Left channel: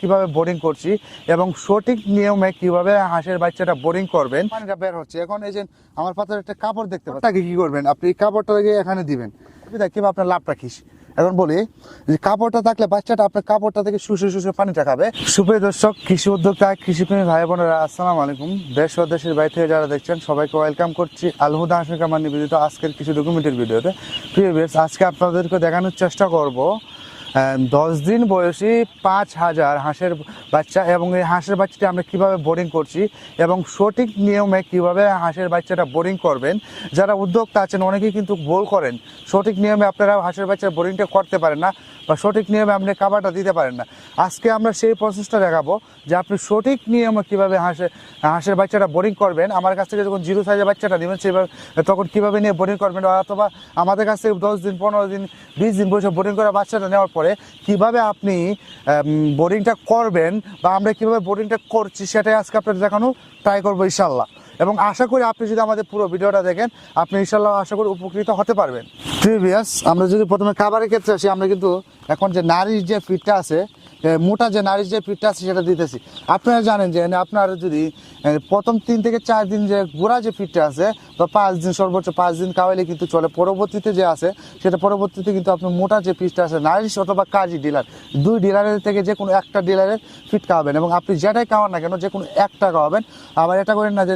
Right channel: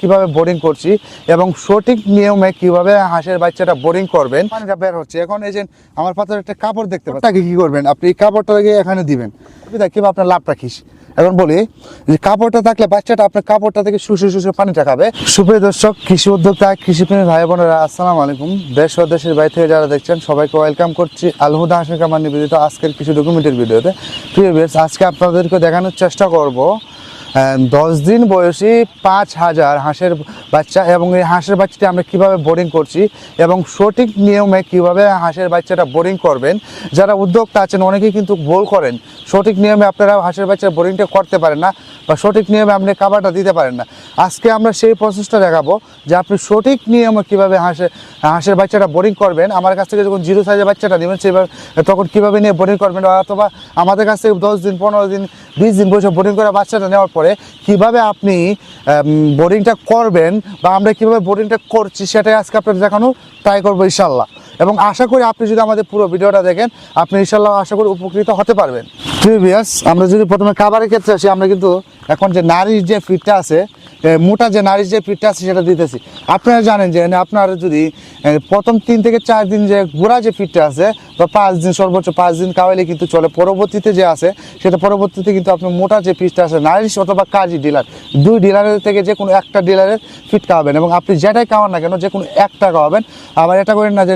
কীভাবে বোরিং করছি এবং সঠিক নিয়মে কীভাবে হাঁসের বাচ্চাটা বোরিং করবেন বের হচ্ছে। এখন এই যে আমার পাতার একটা কাপড় দেখতে পাচ্ছেন তাকে কি করবেন? আপনি এই কাপড়টা গিয়ে এখানে দিবেন। কীভাবে আপনার লাভ রাখিস এখন বলি, যে কাপড়টা থাকলে বাচ্চাটা আপনার কাপড়টা থেকে শুষে শুষে পানিটা খাবে সুপ্রিয় দর্শক, কৃষি উদ্যোক্তা কৃষি প্রেমী ভাই বোনেরা, আসসালামু আলাইকুম। দেশ ও দেশের বাইরে থেকে যারা দেখছেন, সবাইকে ওয়েলকাম করছি। আলহুদা হাসির কামার নিবেদিত আজকের কিছু ডকুমেন্টের ভিডিওতে। প্রিয় আজকে আপনাদেরকে দেখানোর চেষ্টা করব দশ দিন বয়সী পাঁচ হাজার হাঁসের বাচ্চা এবং এই হাঁসের বাচ্চাটি আমরা কীভাবে বোরিং করছি এবং সঠিক নিয়মে কীভাবে হাঁসের বাচ্চাটা বোরিং করবেন? যারা উদ্যোক্তা আছেন, অনেকেই কিন্তু ভুল করেন। সঠিক নিয়মে আপনারা হাঁসের বাচ্চার বোরিংটা করতে পারেন না বা সঠিক নিয়মে আপনি খাবারটা দিতে পারেন না। আজকে আমরা সেই প্রসেসটা দেখাবো যে আপনি সঠিক নিয়মে কীভাবে হাঁসের হাঁসের বাচ্চাটা বোরিং করবেন। আমার কাছ থেকে যখন জিরো সাইজের বাচ্চাটা নেবেন সেভাবে তখন কীভাবে নিয়ে বোরিং করবেন? অথবা আমাদের কাছ থেকে দশ দিন, পনেরো দিন, বিশ দিন বসে বোরিং করে বাচ্চাটা নেওয়ার পরে কীভাবে আপনি বোর্ডিংটা করবেন বা আমরা কীভাবে বোর্ডিংটা করছি সেটাই আজকে আপনাদের দেখানো ট্রাই করব ইনশাল্লাহ। এবং আশা করি আপনি যদি আমাদের পুরো ভিডিওটা দেখেন, আপনি ইনশাল্লাহ আশা করি উপকৃত হতে পারবেন। প্রিভিয়াস আমরা যদি প্রথমে খাবারের ক্ষেত্রে আসি, আমরা কিন্তু এখন যে নারীর যে ফিটটা আছে মোটা যে নারীর যে পিঠটা আছে সেটা দিতেছি। আপনারা জানেন যে আপনার যদি প্রথম তিন থেকে চার দিন যে গোড়া যে পিঠটা আছে, বা পাঁচ দিন, সর্বোচ্চ পাঁচ দিন খাওয়াইলে কিন্তু চলে। পরবর্তীতে যে আছে, সেটা পরবর্তীতে কিন্তু আপনি মোটা যে পিঠটা আছে, নারী অথবা কাজী ডিলার, দুই ডিলারের থেকে যে কোনো একটা ডিলারের ফিট খাওয়াবেন এবং আপনি যেটাই খাওয়ান না কেন, যে কোনো একটা খাওয়াবেন আবার এটা করেন না যে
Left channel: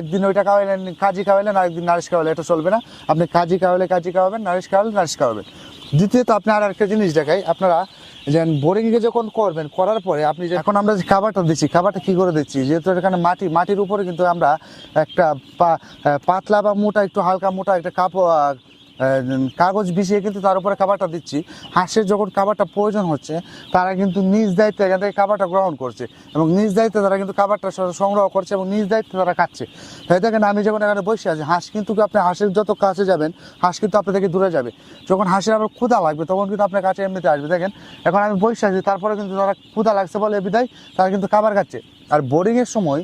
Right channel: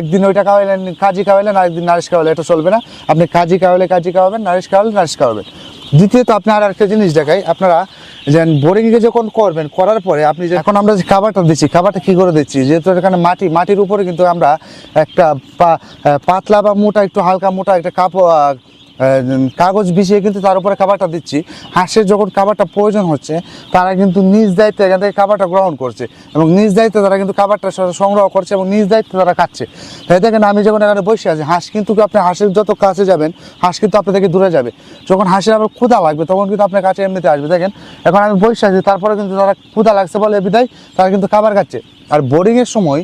একদিন ওইটা খাওয়াইলেন কাজী খাওয়াইলেন আরেকদিন নারিশ খাওয়াইলেন এটা চলবে না। আপনি কাজী খাওয়াইলে কাজী খাওয়াবেন নারিশ খাওয়ালে নারিশ খাওয়াবেন দ্বিতীয়ত আপনি আর একটা জিনিস দেখাই, আপনারা যেন বোরিংয়ে যখন করবেন, করার পরে আপনি এখন আমরা যে খাবারটা দিচ্ছি, খাবারটা কী করে দিচ্ছি? যেহেতু এখানে মাটি, মাটির উপরে কিন্তু আমরা একটা পাতলা বা মোটা, একটু হালকা মোটা একটা কাপড় কাগজ বিছিয়ে কিন্তু তার উপরে খাবারটা দিচ্ছি। হাঁসের যখন খাবারটা প্রয়োজন হচ্ছে, তারা কিন্তু নিজ দায়িত্বে এখান থেকে খাবারটা গ্রহণ করছে এবং নিজ দায়িত্বে তারা কিন্তু খাবারটা সংগ্রহ করছে এবং নিজ দায়িত্বে তারা খাচ্ছে। তাই দেখেন, আমি যখন এখানে বসে আছি, হাঁস কিন্তু আপনি হাঁসের যত কাছে যাবেন, হাঁস কিন্তু আপনার থেকে দূরে যাবে। যখন হাঁসের আবার ক্ষুধা লাগবে, তখন কিন্তু আপনার কাছে এমনিতে আসবে। দেখেন, এখন আমি বসে আছি, তারপরে কিন্তু তারা ক্ষুধা লাগছে বলে বিদায়, তারা কিন্তু খাবার খাচ্ছে। আর বোর্ডিংয়ের সময়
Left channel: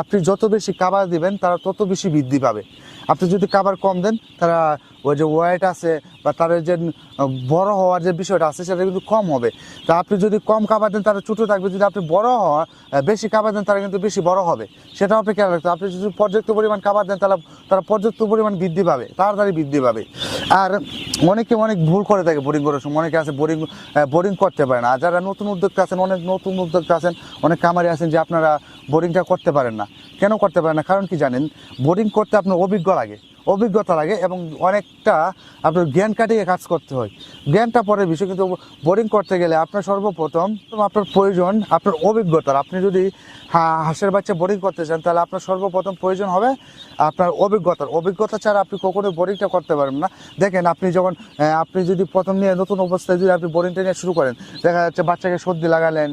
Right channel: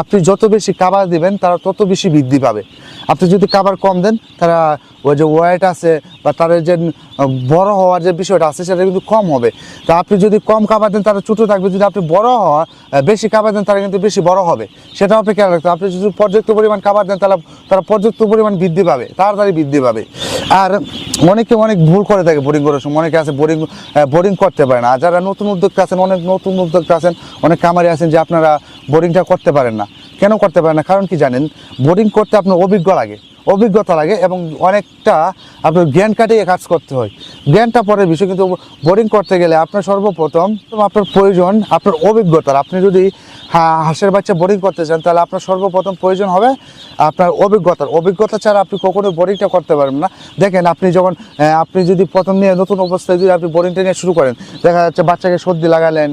আপনি যত বেশি খাবার দিবেন, তারা তত বেশি বৃদ্ধি পাবে। আপনি যদি খাবার কম দেন, তারা ওই যে ওয়েট আছে বা তাদের যে বড় হওয়ার যে বিষয়টা আছে, সেটা কিন্তু কম হবে। তা আপনি যদি কম খাবার দেন, তারা ছোটো থাকবে, যদি আপনি বড় হওয়া বেশি খাবার দেন, তারা কিন্তু বেশি বড় হবে। সেটাও আপনি খেয়াল রাখতে আপনি যদি পর্যাপ্ত পরিমাণ খাবার দেন, তাহলে তারা পর্যাপ্ত পরিমাণ বৃদ্ধি পাবে, তাড়াতাড়ি বৃদ্ধি পাবে। আর অনেকে অনেক ভুল করে থাকে বোরিং করার সময়। অনেকে আছে বোরিং বোরিং করতে পারে না। যারা নতুন উদ্যোক্তা আছেন, অনেক নতুন উদ্যোক্তা আছেন, অনেক কামারি আছেন যে আপনারা বোরিংটা করতে পারেন না। কেন করতে পারে না? কারণ কি জানেন? বোরিং করতে আপনার অভিজ্ঞ লাগে। অভিজ্ঞতা লাগে এবং অনেকটা আপনার জ্ঞান কাটিয়ে কাজ করতে হয়। জ্ঞানটা পরের বিষয়, কিন্তু বোরিং করতে গেলে আপনার সর্বপ্রথম আপনার প্রয়োজন, আপনার অভিজ্ঞতার। আপনি যদি হাঁসের বাচ্চা বোরিং করতে চান, তাহলে আপনার সর্বপ্রথম প্রয়োজন হবে আপনার অভিজ্ঞতার। অভিজ্ঞতা ছাড়া আপনি কখনো বোরিংটা করতে পারবেন না। দেখেন, আপনি যখন আপনি যদি প্রথম নিয়ে নতুন অবস্থায় যদি আপনি বোরিংটা নিয়ে শুরু করেন, দেখা যাচ্ছে বাচ্চাকে সর্দি লাগালেন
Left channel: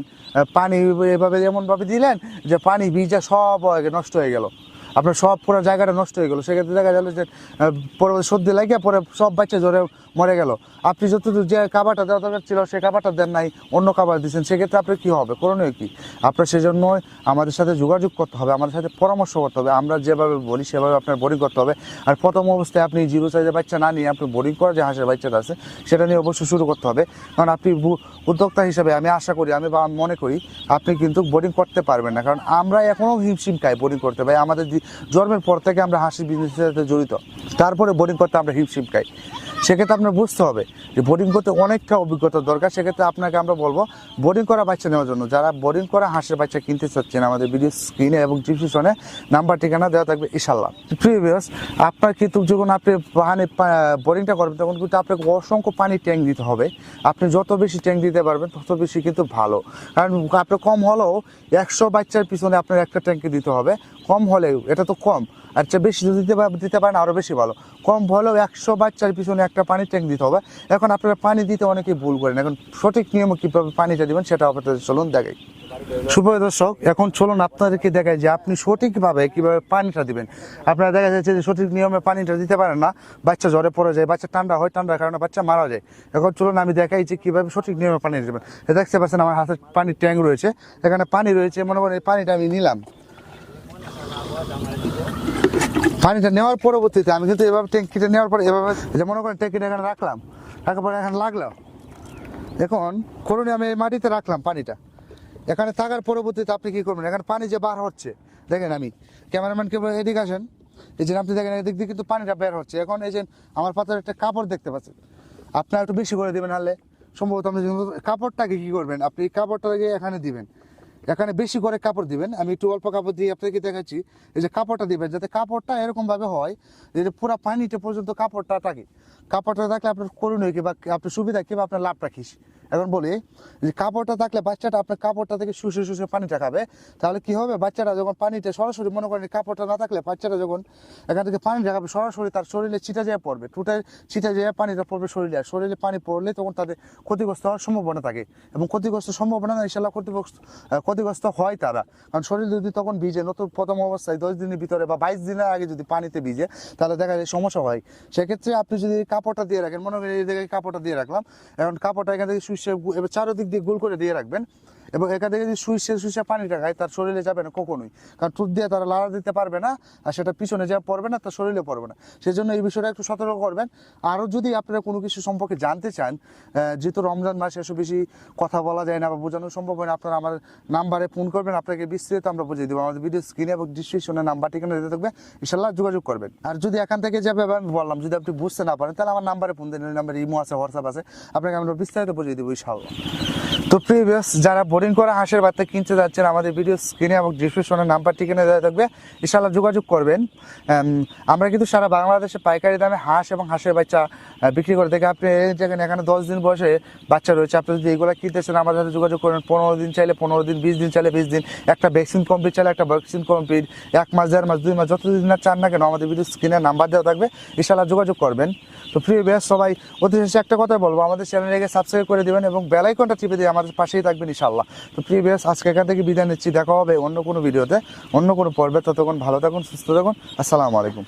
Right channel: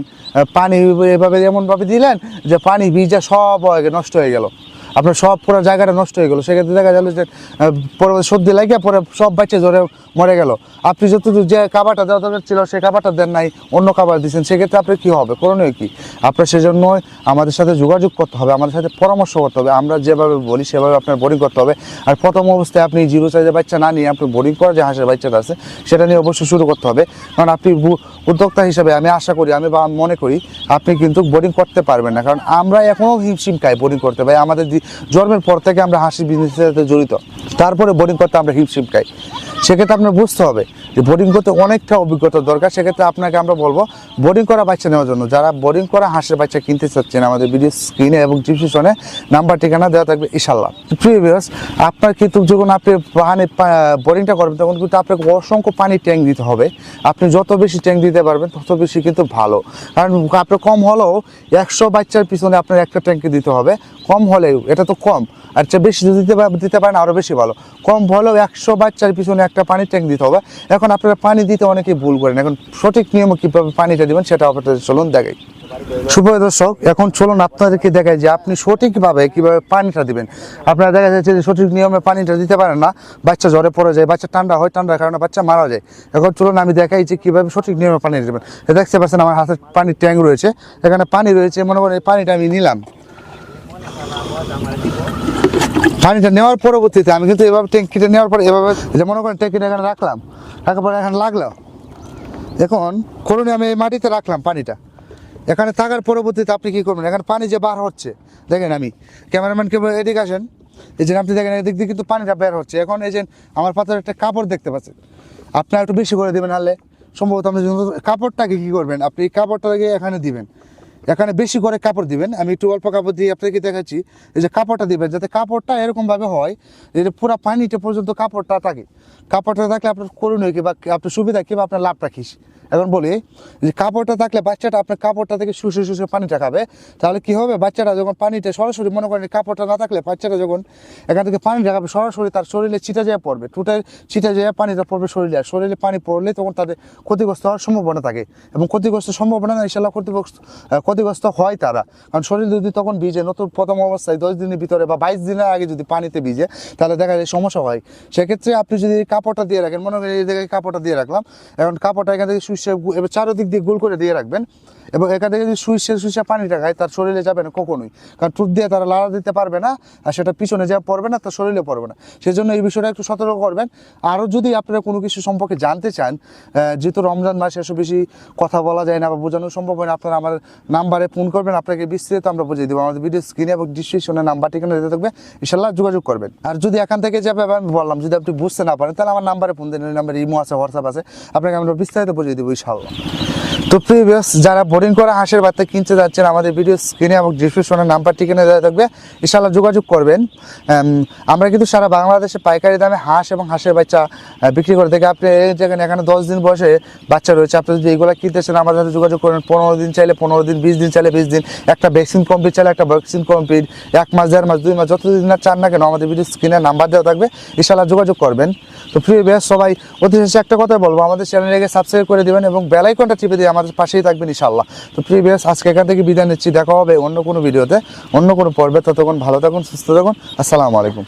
পানি এভাবে এমনভাবে দিলেন যে পানি ভিজা সব নষ্ট হয়ে গেল। আপনার সব পুরো জায়গাটা নষ্ট হয়ে গেলো। সেক্ষেত্রে দেখা গেল যে পরে সর্দি লাগিয়ে পরে সব বাচ্চা জ্বরে মরে গেল। আপনি যতদূর যে খাবারটা দেওয়া দরকার ছিল সেই খাবারটা দেন নাই, অন্য খাবার দিচ্ছেন, সেক্ষেত্রে আপনি কী হবে? করণীয় কি? আপনার সেজন্য আমাদের সাথে যোগাযোগ করতে হবে, আমাদের সাথে পরামর্শ করতে হবে, আমরা যেভাবে বলি সেভাবে আপনার বোরিং করতে হবে। আর প্রথম অবস্থায় আপনি জিরো সাইজের বাচ্চা না নিয়ে আপনি বোরিং করা যে হাঁসের বাচ্চাটা আছে, সেটা নিয়ে অবশ্যই শুরু করতে হবে। কারণ আপনি উদ্যোক্তা হিসাবে আমি আশা করি, আমি বা মনে করি, আপনি কিন্তু বোরিং করতে পারবেন না। কারণ আমরা এখনও হিমশিম খাই বোরিং করতে, ভাই, আমাদের জন্মের পর থেকে আমরা হাসির বিজনেসের সাথে জড়িত। তারপরে বোরিং করতে আমরা হিমশিম খাই। সেক্ষেত্রে আপনার বুঝতে হবে যে বোরিং করতে অনেকটা অভিজ্ঞতা দরকার। সেক্ষেত্রে আপনাকে আমরা বলব বোরিং করা বাচ্চা নেওয়ার জন্য, যারা বোরিং করা হাঁসের বাচ্চা কিনতে চাচ্ছেন, আমাদের ভিডিও স্ক্রিনে এবং ডিসক্রিপশনে নাম্বার ঠিকানা দেওয়া থাকবে ইশাল্লাহ প্রিয় ভিউয়ার্স আপনার কিন্তু যখন আপনি পানি বোরিংটা করবেন তখন কিন্তু আপনাকে অসংখ্য পানি ট্যাঙ্ক দিতে হবে। আপনি যত বেশি ট্যাঙ্ক দিতে পারবেন, তত বেশি কিন্তু ভালো। কারণ আপনার কম হলেও একশো বাচ্চার পিছনে আপনার একটা ট্যাঙ্কি দিতে হবে। কম হলেও, এটা তো কম। আর চেয়ে বেশি যদি দিতে দিতে পারেন আরও বেশি ভালো। কম হলেও একশো বাচ্চার পিছনে একটা পানির ট্যাঙ্ক দিতে হবে। এখন আপনারা পানি দিতে অনেকেই ভুল করেন। এখন সঠিক নিয়মে কীভাবে পানিটা দেবেন সেটা আপনাদের চলুন দেখাই। সুপ্রিয় দর্শক, এখন চলুন আপনাদেরকে দেখায় যে আপনি সঠিকভাবে কীভাবে পানিটা দিবেন। আপনারা দেখা যাচ্ছে যে সঠিক নিয়মে পানিটা দিতে পারেন না। বাচ্চা জ্বরে পড়ে যায়, বাচ্চা ঠান্ডা হয়, ঠান্ডার কারণে বাচ্চা মারা যায়। এখন চলুন আমি দেখাই যে কীভাবে সঠিক নিয়মে পানি দেবেন। দেখতে পাচ্ছেন আমার হাতে পানির ট্যাঙ্ক রয়েছে। এখানে পানি রয়েছে, মনে করেন এই পানিটা আমি নিলাম। পানিটা নেওয়ার পরবর্তীতে আমি কিন্তু এভাবে ট্যাঙ্কিটা নেওয়ার পরে এভাবে যে মনে করেন ট্যাঙ্কিটা এখানে রাখলাম, রাখার পরে এখানে লাগল। এখন করুন আমি এই মাটিতে রাখলাম পানিটা। এখানে থাকার পরবর্তীতে আপনি কি করবেন? এখানে পানি যে বার হচ্ছে, দেখেন আমি। ক্যামেরাম্যানকে এদিকে আসেন। এই যে আপনি দেখেন, এদিক দিয়ে কিন্তু পানিটা বের হচ্ছে। এখন এই যে আমার পাতার একটা কাপড় দেখতে পাচ্ছেন। আপনার একটু বেশি করে দিবেন হারলে সম্ভবত আপনি কাপড়টাকে কি করবেন, আপনি কাপড়টাকে এখানে দিবেন। এখানে বেশি করে কাপড় দিবেন। আমি একটু অল্প কাপড় দিয়ে আপনাকে দেখাচ্ছি। এই যে কাপড়টা দিবেন, যাতে কাপড়টা এরকমভাবে হয় যে পুরো পানিটা পর্যন্ত কাপড়টা থাকে। কাপড়টা থাকলে আপনার করুন কি বা আপনার সুবিধা কি বা আপনার লাভটা রাখিস। এখন বলি যে কাপড়টা থাকলে বাচ্চাটা আপনার কাপড়টা থেকে শুষে শুষে পানিটা খাবে। তাহলে কি হবে? বাচ্চাটা যখন পানিতে সরাসরি মনে করেন কাপড়টা না থাকলে বাচ্চাটা যখন এখান থেকে পানিটা খাবে সরাসরি তার শরীরে ছিটা যেয়ে পড়বে। টুটে ছিটা যেয়ে পানিটা পড়বে শরীরে। আর শরীরে পানি পড়লে তখন তাদের ক্ষতিগ্রস্ত হওয়ার সম্ভাবনা থাকে। এবং ক্ষতিগ্রস্ত সম্ভাবনা না ইনশাল্লাহ ক্ষতিগ্রস্ত ক্ষতিগ্রস্ত হয় তারা। কারণ শরীর যদি তখন ভিজে, নতুন প্রথম অবস্থায় দশ দিনের ভিতরে বা বাইশ দিনের আগে যদি পানিতে ভিজে, তাহলে দেখা যায় সমস্যা হয়। সেক্ষেত্রে আপনি যদি কাপড়টা দিয়ে রাখেন, মনে করেন এই জায়গায় কাপড়টা দিয়ে রাখলাম, এখন কাপড়টা এখান থেকে এবার চারোদিক দিয়ে গোল করে দিয়ে রাখবেন। এবং এখান থেকে যদি সুইসে সুইসে পানিটা খায়, তার শরীরে যাবে না কখনোই। কারণ টুট দিয়ে তারা লাড়া দিতে পারবে না, আর সেটা পিছনে যা পড়বে না, তার শরীরে পড়বে না। সেজন্য এই বিষয়টা একটু সতর্ক করবেন। আরও যদি আপনারা কোনো কিছু সম্পর্কে জানতে চান যেহেতু রমজান মাস এসব বেশি কথা বলা যায় না বা বোঝানো সম্ভব হয় না, আপনারা আমার নাম্বারে ফোন করবেন, আপনাকে বিস্তারিত আমরা বুঝিয়ে দেবো। আমাদের ভিডিও স্ক্রিনে এবং ডিসক্রিপশনে নাম্বার ঠিকানা দিতে থাকবে। ইনশাল্লাহ যোগাযোগ করবেন। আর যদি এখান থেকে যাবে আমি বললাম, যদি আপনি বুঝতে না পারেন, তাহলে আমার নাম্বারে ফোন দেন নাম্বারে ইমো আছে, হোয়াটসঅ্যাপ আছে। আপনাকে আমরা বিস্তারিত বুঝিয়ে দেবো, ইনশাল্লাহ। তো প্রিভিয়াস যারা বোরিং করা হাঁসের বাচ্চা কিনতে যাচ্ছেন আমাদের ভিডিও স্ক্রিনে এবং ডিসক্রিপশনে নাম্বার ঠিকানা দেওয়া থাকবে। ইনশাল্লাহ যোগাযোগ করবেন। আমরা কিন্তু সারা বাংলাদেশে পাইকারি দামে হাঁস এবং হাঁসের বাচ্চা বিক্রি করে থাকি। আপনি দেখেন এখানে দশ দিন বসে বাচ্চা রয়েছে। আপনি যদি এগুলো কিনতেছেন আমাদের সাথে যোগাযোগ করেন। পনেরো দিন চাইলে পনেরো দিন, বিশ দিন চাইলে বিশ দিন। একটা ভ্যাকসিন কমপ্লিট চাইলে একটা ভ্যাকসিন কমপ্লিট এক মাস, দেড় মাস, দুই মাস, যতদিন না চান না কেন, আমাদের ভিডিও স্ক্রিনে নাম্বার দেওয়া থাকবে। ইনশাল্লাহ যোগাযোগ করবেন। তো প্রিয় বেশ সবাই অতি শেষে একটা কথা বলব। আমাদের চ্যানেলটাকে সাবস্ক্রাইব করে দিবেন এবং বেলাইকনটা টিপে দিয়ে আমাদের পাশেই থাকবেন ইনশাল্লাহ তো বেশ আজকে এখান থেকে বিদায় নিচ্ছি, দেখা হবে অন্য কোনো ভিডিওতে অন্য কোনো পর্বে। ততক্ষণ ভালো থাকুন, সুস্থ থাকুন। আসসালামু আলাইকুম।